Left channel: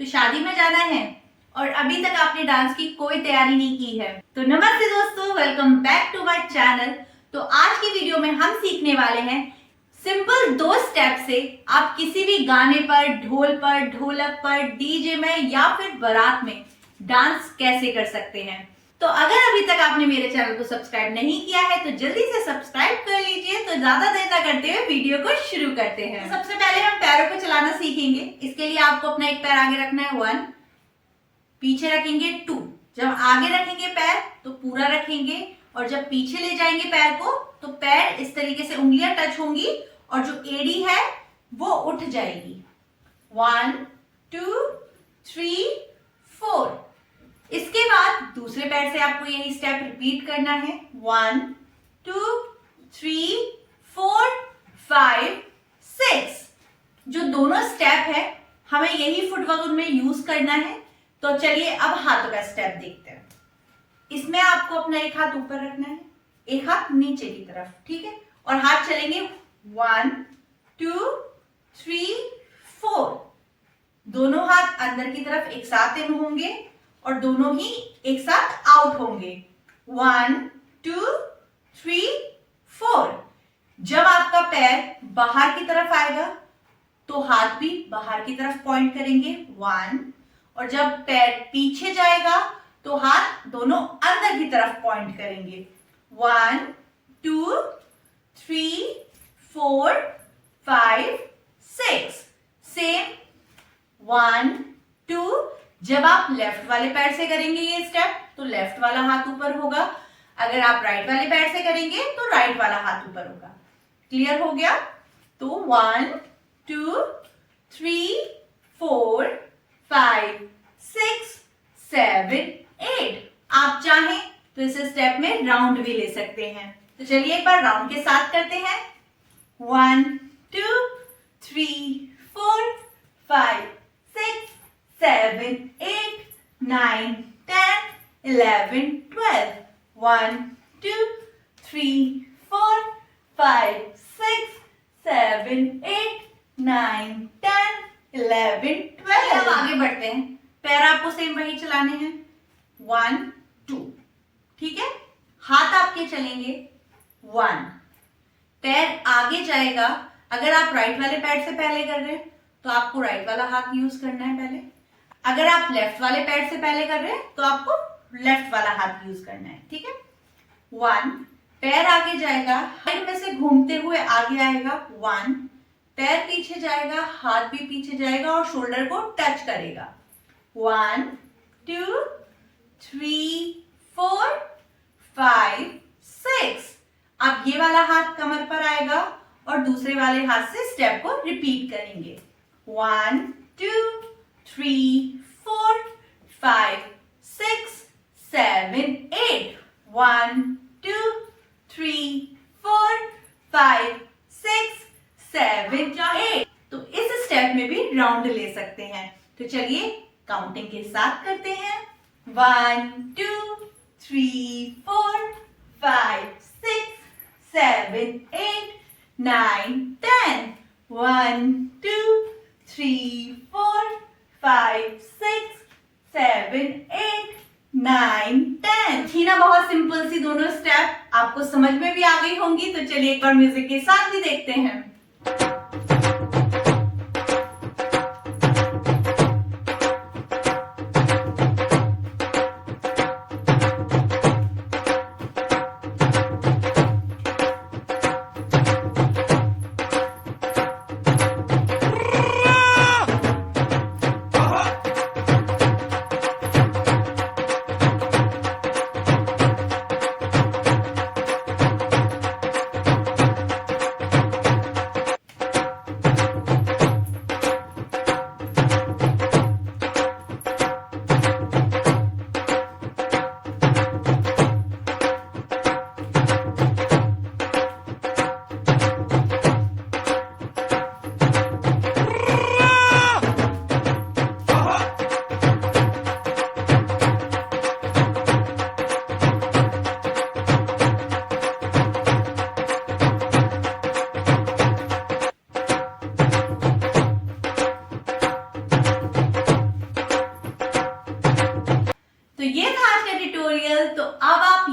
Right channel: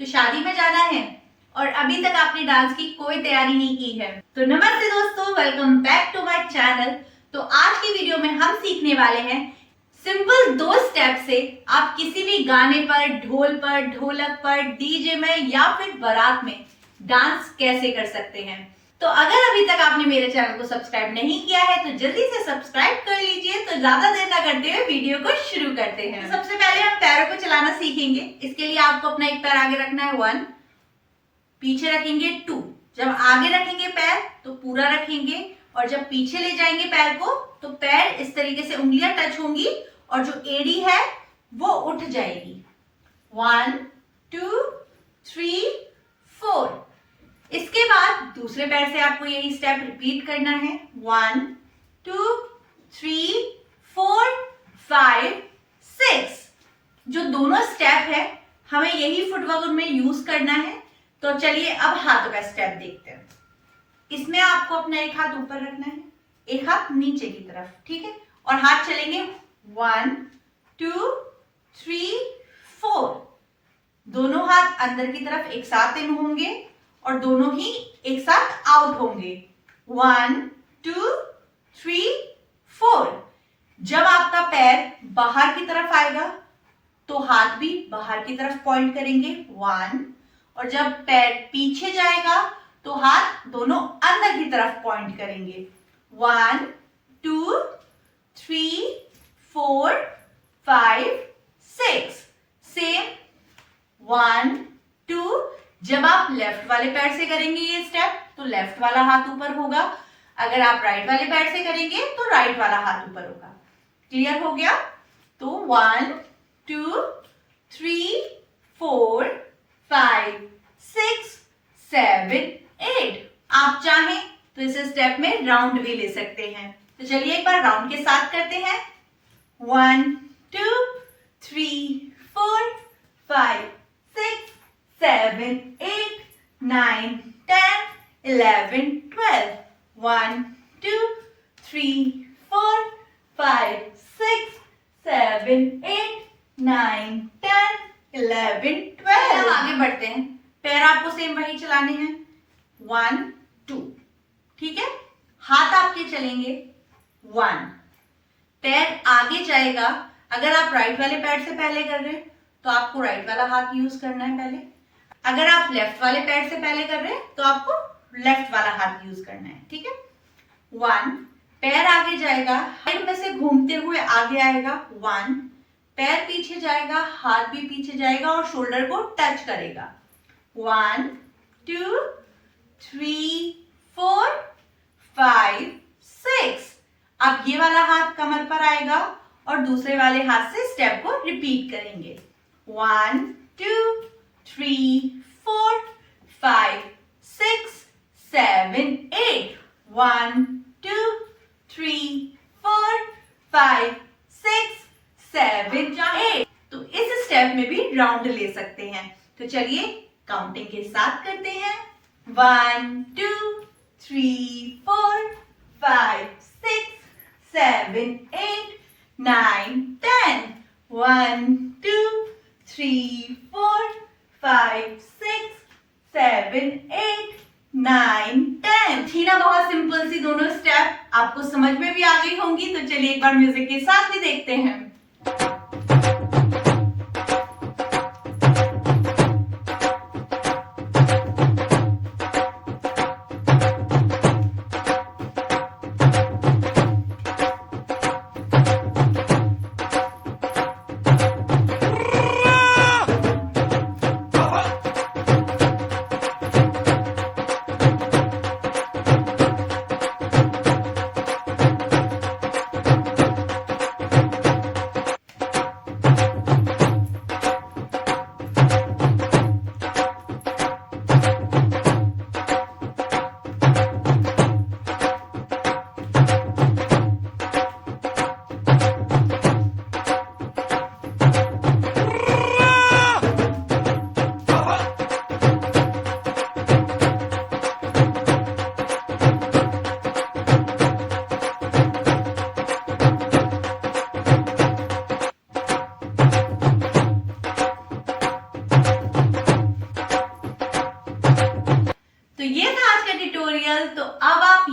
तो शादी में जाना है और अभी तक आपने डांस की कोई तैयारी नहीं की है। तो नमस्ते दोस्तों, welcome back to my channel. तो आज की वीडियो में हम सीखने वाले हैं सिंपल 2 स्टेप से आप किसी भी गाने पर, ढोल पर, ढोलक पर, डीजे में या फिर बारात में डांस कैसे कर सकते हैं। तो अगर अभी तक आपने मेरे चैनल को सब्सक्राइब नहीं किया है तो जल्दी से सब्सक्राइब कर लीजिए। तो ज्यादा देर ना करते हुए वीडियो को शुरू करते हैं। तो सबसे पहले हम पैरों को चलाना सीखेंगे। इसके लिए आपको अपना एक पैर आगे रखना है 1, पीछे रखेंगे 2। जब आगे रखेंगे पैर तो पूरा रखेंगे और जब पीछे ले जाएंगे पैर को तो पैर इस तरीके से उंगलियां टच होंगी और जो एड़ी है वो उठ जाएगी। 1 2 3 4। इसके बाद दूसरे पैर से आपको यही स्टेप रिपीट करना है। 1 2 3 4 5 6। जो दोनों स्टेप है हमें यही फुटवर्क में यूज करना है। तो चलिए अब हाथों का स्टेप देखते हैं। इसमें आपको अपना एक हाथ ऊपर रखना है, एक हाथ नीचे की तरफ, ठीक है। और हाथ चलेंगे 1 2 3 4। दोनों हाथ अंदर की तरफ एक साथ इन होंगे और दोनों ही एक साथ आउट होंगे। 1 2 3 4। जब आपका पैर बाहर की तरफ आएगा तो हाथ भी बाहर की तरफ पॉइंट करेंगे 1। और जब पैर पीछे जाएगा तो हाथ दोनों अंदर की तरफ पॉइंट करेंगे 1 2 3 4 5 6। सेम 1 2। जब आप लेफ्ट वाले पैर से करेंगे ये स्टेप तो लेफ्ट वाला हाथ ऊपर होगा। अगर आप राइट वाले पैर से करेंगे तो राइट वाला हाथ ऊपर होगा। क्लियर हो गया? तो 1 2 3 4 5 6 7 8। आप चाहें तो इस स्टेप में राउंड भी ले सकते हैं। तो चलिए एक बार राउंड के साथ करते हैं। 1 2 3 4 5 6 7 8 9 10 11 12। 1 2 3 4 5 6 7 8 9 10 11 12। आगे बढ़ते हैं। पैर आपको सेम वही चलाने हैं 1 2, ठीक है। हाथ आपके चलेंगे 1। पैर आगे जाएगा। अगर आप राइट वाले पैर से पहले कर रहे हैं तो आपको राइट वाला हाथ यूज करना है पहले। अगर आप लेफ्ट वाले पैर से पहले कर रहे हैं तो आपको लेफ्ट वाला हाथ यूज करना है, ठीक है। 1। पैर आगे जाएगा, साइड में से घूमते हुए आगे आएगा 1। पैर पीछे जाएगा, हाथ भी पीछे जाएगा और शोल्डर को टच करेगा 1 2 3 4 5 6। अब ये वाला हाथ कमर पर आएगा और दूसरे वाले हाथ से स्टेप को रिपीट करेंगे 1 2 3 4 5 6 7 8। 1 2 3 4 5 6 7 8। तो इस स्टेप में भी राउंड ले सकते हैं। तो चलिए काउंटिंग के साथ करते हैं। 1 2 3 4 5 6 7 8 9 10। 1 2 3 4 5 6 7 8 9 10। थी ना बहुत सिंपल सी दोनों स्टेप, आपको समझ में भी आ गई होंगी। तो चलिए एक बार म्यूजिक के साथ भी देखते हैं।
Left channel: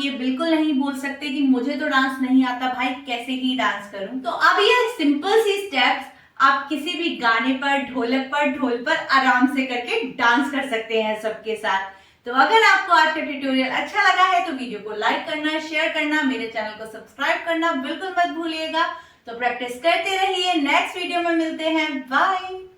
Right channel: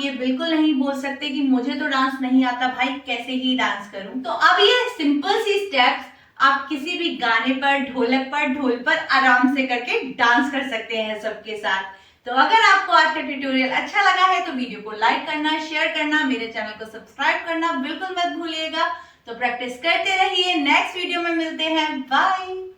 ये बिल्कुल नहीं बोल सकते कि मुझे तो डांस नहीं आता भाई, कैसे ही डांस करूं। तो अब ये सिंपल सी स्टेप्स आप किसी भी गाने पर, ढोलक पर, ढोल पर आराम से करके डांस कर सकते हैं सबके साथ। तो अगर आपको आज का ट्यूटोरियल अच्छा लगा है तो वीडियो को लाइक करना, शेयर करना, मेरे चैनल को सब्सक्राइब करना बिल्कुल मत भूलिएगा। तो प्रैक्टिस करते रहिए, नेक्स्ट वीडियो में मिलते हैं, बाय।